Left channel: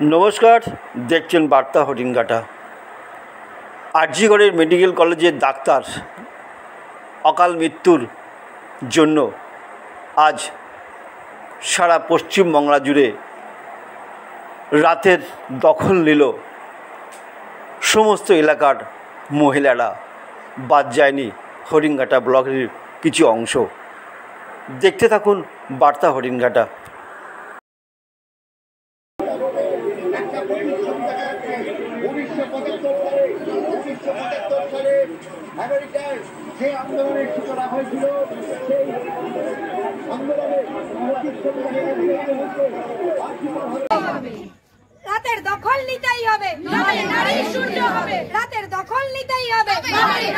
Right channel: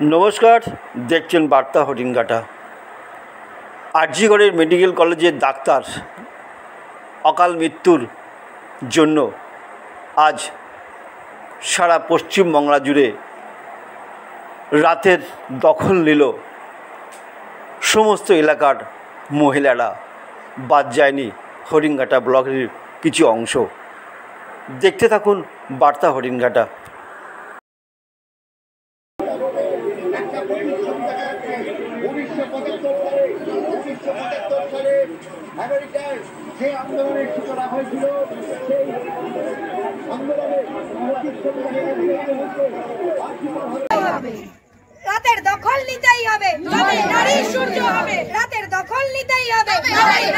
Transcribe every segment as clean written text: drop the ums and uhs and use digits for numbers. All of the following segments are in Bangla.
नमस्कार देखছেন বার্তা হরিণঘাটা। আরজিগড়ের মেডিকেল কলেজের ডাক্তার অকাল মৃত্যুর জন্য আজ সারা পশ্চিমবাংলা জুড়ে রাতের দখল নিল সমস্ত এলাকার মহিলারা। বাদ যায়নি হরিণঘাটা ব্লকের কিছু অংশ। দেখতে থাকুন বার্তা হরিণঘাটা। রাতের দখল নিতেই হবে, নারী সূর্য হবে। রাতের দখল নিতেই হবে,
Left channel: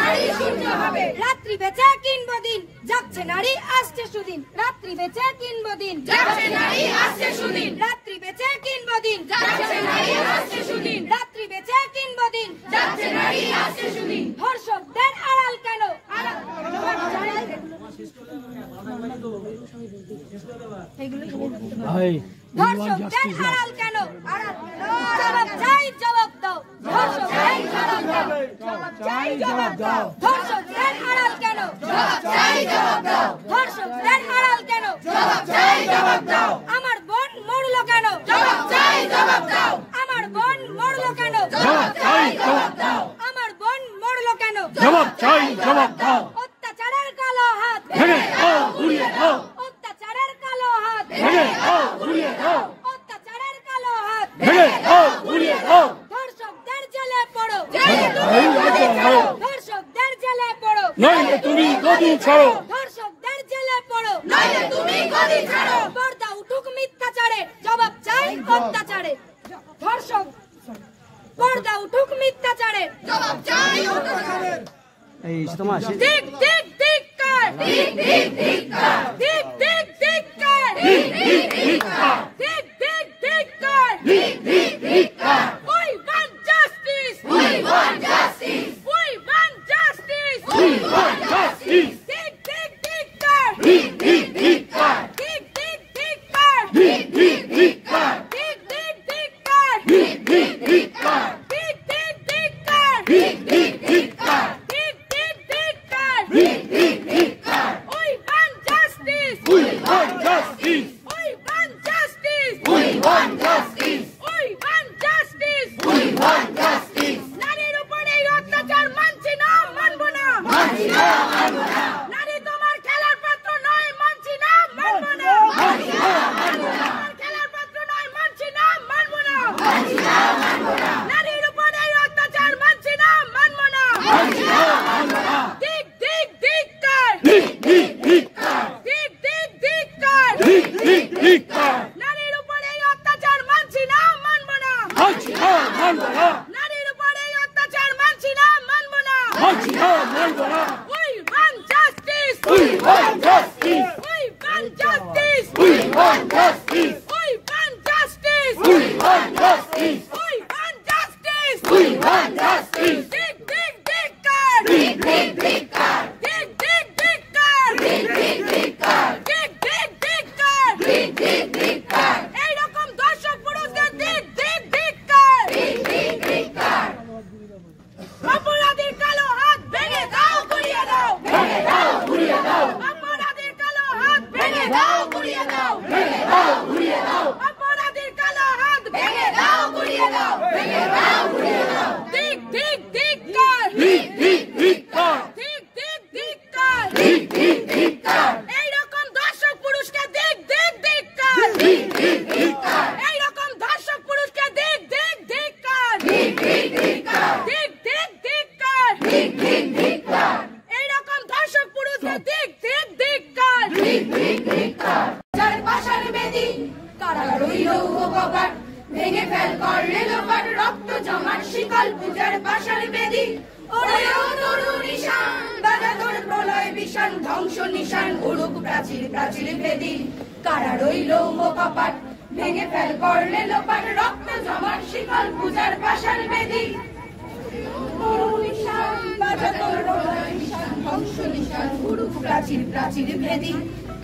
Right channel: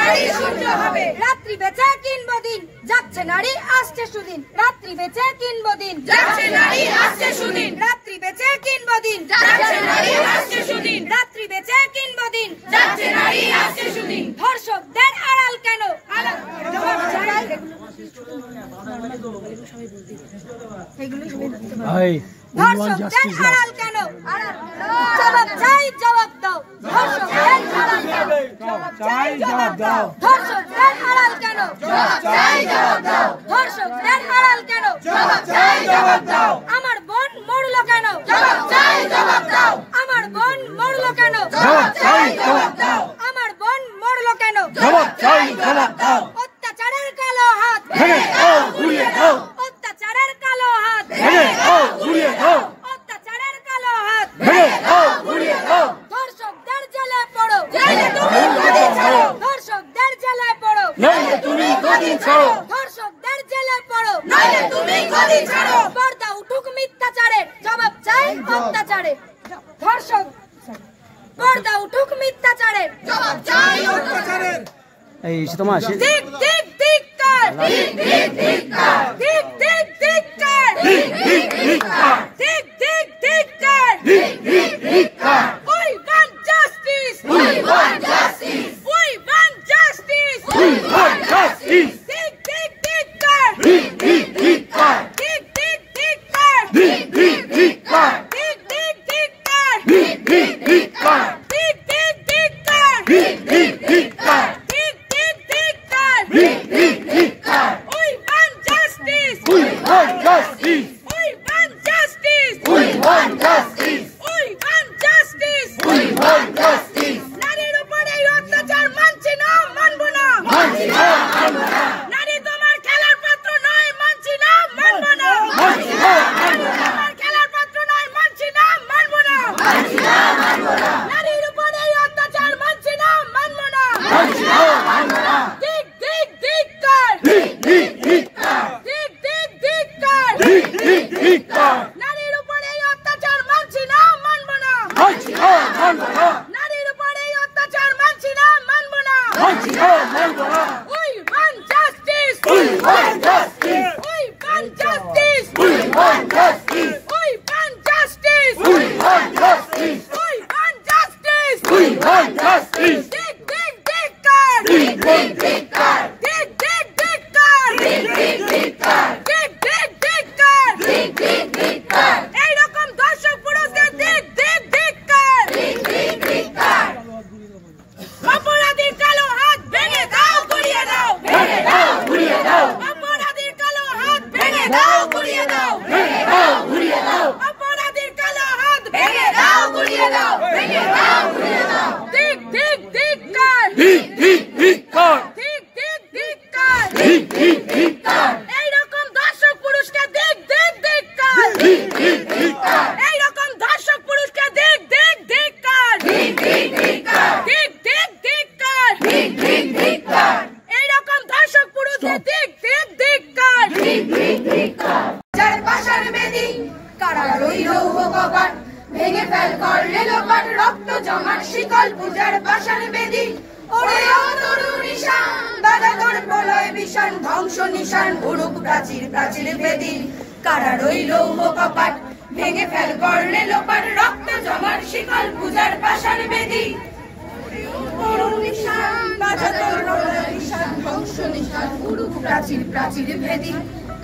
নারী সূর্য হবে। রাত্রি বেঁচে কিনবো দিন, যাচ্ছে নারী আসছে সুদিন। রাত্রি বেঁচে কিনবো দিন, যাচ্ছে নারী আসছে সুদিন। রাত্রি বেঁচে কিনবো দিন, যাচ্ছে নারী আসছে সুদিন। রাত্রি বেঁচে কিনবো দিন, যাচ্ছে নারী আসছে সুদিন। ধর্ষকদের আড়াল কেন? ধর্ষকদের আড়াল কেন? জবাব চাই, জবাব দাও। ধর্ষকদের আড়াল কেন? ধর্ষকদের আড়াল কেন? ধর্ষকদের আড়াল কেন? আমার বোন মরলো কেন? আমার বোন মরলো কেন? আমার বোন মরলো কেন? অত্যাচারের কালো হাত, অত্যাচারের কালো হাত, অত্যাচারের কালো হাত। ধর্ষকদের জেলে পড়ো, ধর্ষকদের জেলে পড়ো, ধর্ষকদের জেলে পড়ো। পর্দা উঠুক মিথ্যাচারে, জবাব চাই অত্যাচারে। ধর্ষক পর্দা উঠুক মিথ্যাচারে, জবাব চাই অত্যাচারে। দিক দিক দিক কার, দিক দিক দিক কার, দিক দিক দিক কার, দিক দিক দিক কার, দিক দিক দিক কার, দিক দিক দিক কার। We want justice, we want justice, we want justice, we want justice. দিক দিক দিক কার, দিক দিক দিক কার, দিক দিক দিক কার, দিক দিক দিক কার, দিক দিক দিক কার, দিক দিক দিক কার, দিক দিক দিক কার, দিক দিক দিক কার, দিক দিক দিক কার, দিক দিক দিক কার। We want justice, we want justice, we want justice, we want justice, we want justice, we want justice. নারীর উপরে অত্যাচার মানছি না, মানবো না, মানছি না, মানবো না। নারী তোমার খেলার পাত্র নয়, মানছি না, মানবো না, মানছি না, মানবো না। তোমার খেলার পাত্র নয়, মানছি না, মানবো না, মানছি না, মানবো না। নারীর উপরে অত্যাচার মানছি না, মানবো না, মানছি না, মানবো না। দিক দিক দিক কার, দিক দিক দিক কার, দিক দিক দিক কার, দিক দিক দিক কার। নারীর উপরে অত্যাচার মানছি না, মানবো না, মানছি না, মানবো না। নারীর উপরে অত্যাচার মানছি না, মানবো না, মানছি না, মানবো না। We want justice, we want justice, we want justice, we want justice, we want justice, we want justice, we want justice, we want justice. Dick dick dick car, dick dick dick car, dick dick dick car, dick dick dick car, dick dick dick car, dick dick dick car. এই রকম দর্শক পুরুষদের দিক দিক দিক car, দিক দিক দিক car. অপরাধীর কালো হাত ভেঙে দাও, গুড়িয়ে দাও, ভেঙে দাও, গুড়িয়ে দাও। অপরাধীর কালো হাত ভেঙে দাও, গুড়িয়ে দাও, ভেঙে দাও, গুড়িয়ে দাও। অপরাধীর কালো হাত ভেঙে দাও, গুড়িয়ে দাও, ভেঙে দাও, গুড়িয়ে দাও। দিক দিক দিক কার, দিক দিক দিক কার, দিক দিক দিক কার, দিক দিক দিক কার। এই রকম দর্শক পুরুষকে দিক দিক দিক কার, দিক দিক দিক কার। এই রকম দর্শক পুরুষকে দিক দিক দিক কার, দিক দিক দিক কার, দিক দিক দিক কার, দিক দিক দিক কার। এই রকম দর্শক পুরুষকে দিক দিক দিক কার, দিক দিক দিক কার। যার পাশার বেদি কারাগার রইল কপাট, ভেঙে ফেল করলে লোপাট, রক্ত জমাট শিকল পূজার পাশার বেদি। ওরে ও তরু নিশান, বাজা তোর প্রলয় বিশান, ধ্বংস নিশান উড়ুক প্রাচীর প্রাচীর বেদি। কারা রইল কপাট, ভেঙে ফেল করলে লোপাট, রক্ত জমাট শিকল পূজার পাশার বেদি। তরু নিশান, বাজা তোর প্রলয় বিশান, ধ্বংস নিশান উড়ুক প্রাচীর প্রাচীর বেদি।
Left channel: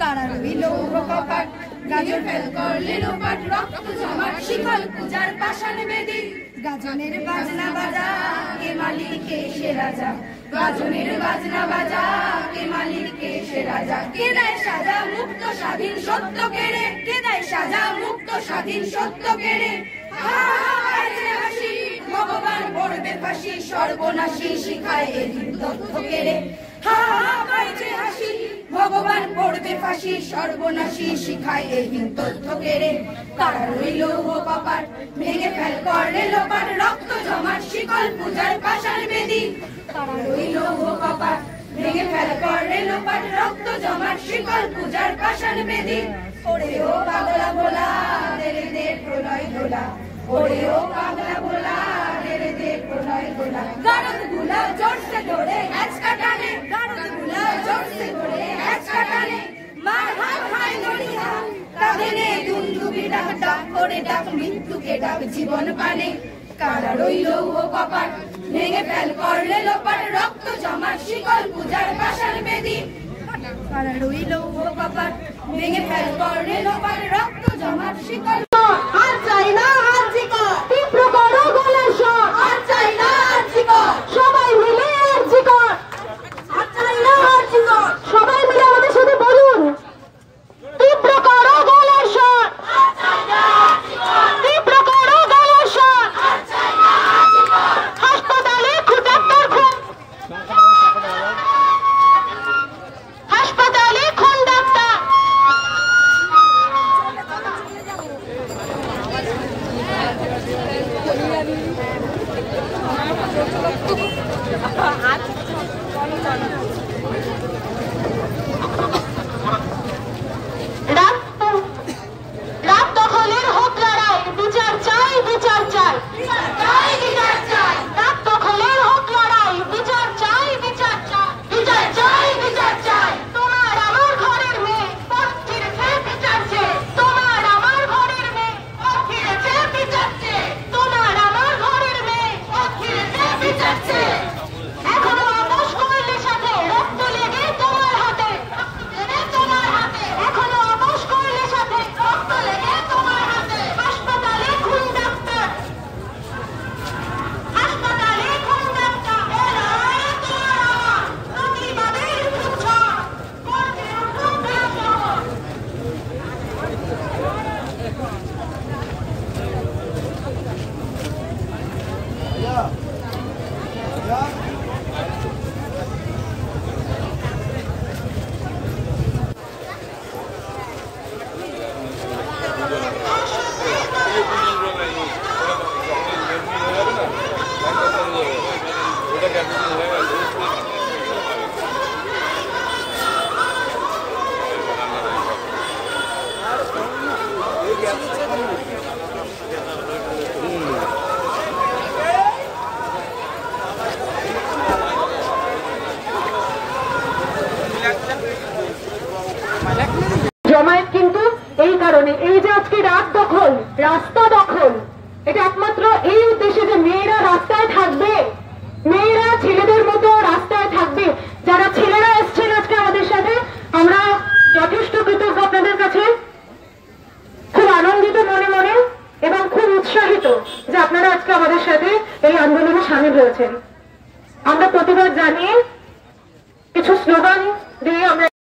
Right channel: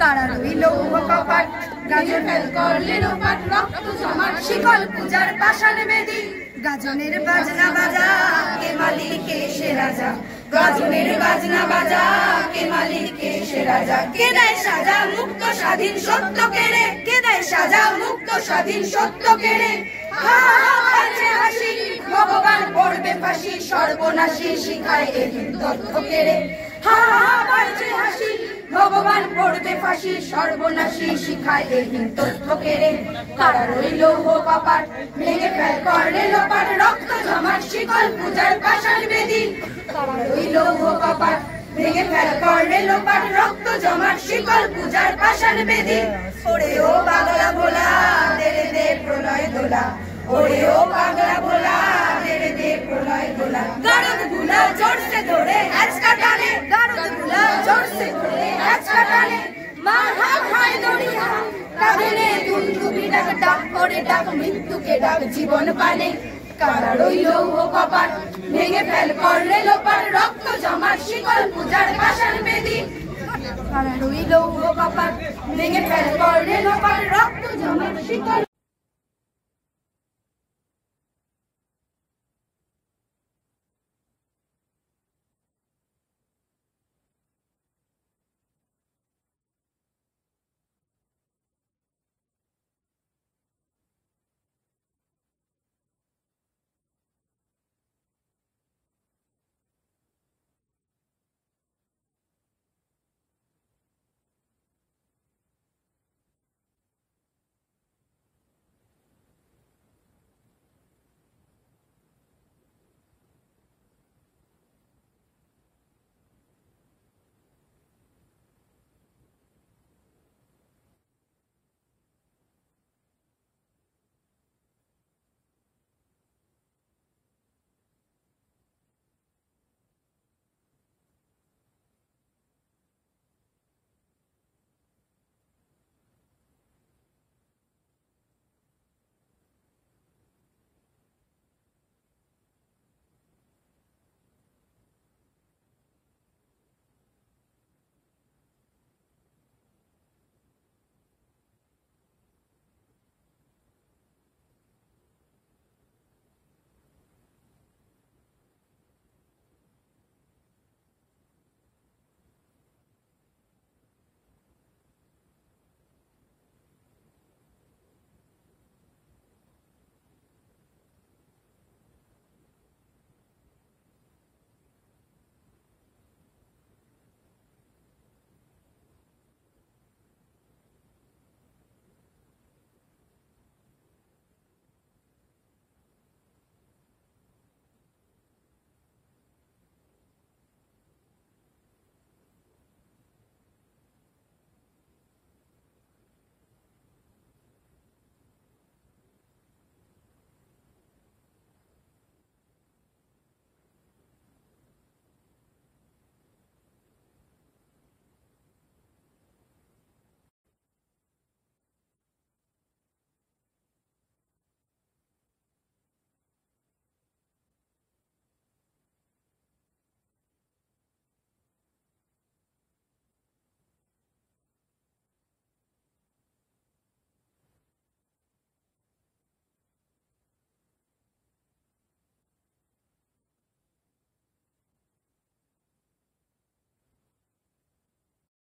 কারা রইল কপাট, গাজন ফেল করলে লোপাট রক্ত জমাট শিকল পূজার পাষাণ বেদি গাজনের বাজনা বাজা কে মালিক কে সে রাজা গাজনের বাজনা বাজা কে মালিক কে সে রাজা কে দেয় সাজা মুক্ত স্বাধীন সত্য কেড়ে কে দেয় সাজা মুক্ত স্বাধীন সত্য কেড়ে হাসি ভগবান পড়বে ফাঁসি সর্বনাশী শিখায় এদিন তথ্য কেড়ে হা বাইছে হাসি ভগবান পড়বে ফাঁসি সর্বনাশী শিখায় এদিন তথ্য কেড়ে তারা রইল পাপার ভেঙে ফেল করলে লোপাট রক্ত জমাট শিকল পূজার পাষাণ বেদি তারা রইল পাপার ভেঙে ফেল করলে লোপাট রক্ত জমাট শিকল পূজার পাষাণ বেদি ওরে ও পাগলা ভোলা দেরে দে প্রলয় দোলা ওরে ও পাগলা ভোলা দেরে দে প্রলয় দোলা গরদ গুলা জোর से ধরে হ্যাচ কাটানে গরদ গুলা জোর से ধরে হ্যাচ কাটানে মার হাত হাই দড়িয়া কাঁধে দুন্দুবি ডাক ডাক করে ডাক মৃত্যুকে ডাক জীবন পানে কারা রইল ও কপাট ভেঙে ফেল করলে লোপাট রক্ত জমাট শিকল পূজার পাষাণ বেদি কারা রইল ও কপাট ভেঙে ফেল করলে লোপাট রক্ত জমাট শিকল আর চাই না আর জিকা তীব্র করো গলার স্বর আর চাই না আর জিকা সবাই মিলে আর জিকা আর চাই না আর জিকা সবাই মিলে আমাদের সাথে বলুন তীব্র করো গলার স্বর আর চাই না আর জিকা তীব্র করো গলার স্বর আর চাই না আর জিকা হাসপাতালে খুঁটাত্তর খুন হাসপাতালে খুন ডাক্তার রাত দখলের হোক লড়াই বিচার চাই বিচার চাই রাত দখলের হোক লড়াই বিচার চাই বিচার চাই বিচার চাই বিচার চাই তোমার আমার ঘরের মেয়ে পথ ছিঁড়েছে বিচার চেয়ে তোমার আমার ঘরের মেয়ে পথ ছিঁড়েছে বিচার চেয়ে তোমার আমার ঘরের মেয়ে পথ ছিঁড়েছে বিচার চেয়ে এখনো আপোষ করলে সাথে রক্ত লেগে তোমার হাতে তোমার হাতে এখনো আপোষ করলে সাথে রক্ত লেগে তোমার হাতে হাসপাতালে খুন ডাক্তার হাসপাতালে খুন ডাক্তার এরা তোমার আমার প্রতিবাদের উচ্ছ্বাস করতে উঠুক শহর জমায়েত কিন্তু এই কারণে এই যে আজকে রাত দখল রাস্তা দখল এটা একমাত্র এই উদ্দেশ্যে যে মেয়েরা রাস্তায় থাকবে মেয়েরা ছেলেদের মতো রাস্তায় থাকবে যারা ছেলেরা এসছেন আজকে আমাদের সাথে আমরা যথেষ্ট কৃতজ্ঞ আপনাদের কাছে খুব আনন্দিত মনে মনে এবং খুব উৎসাহিত যে আপনারা আজকে আমাদের সাথে এই আন্দোলনে সামিল হয়েছেন আমরা প্রতিবাদ জানিয়ে কিছু স্লোগান দিয়ে আমরা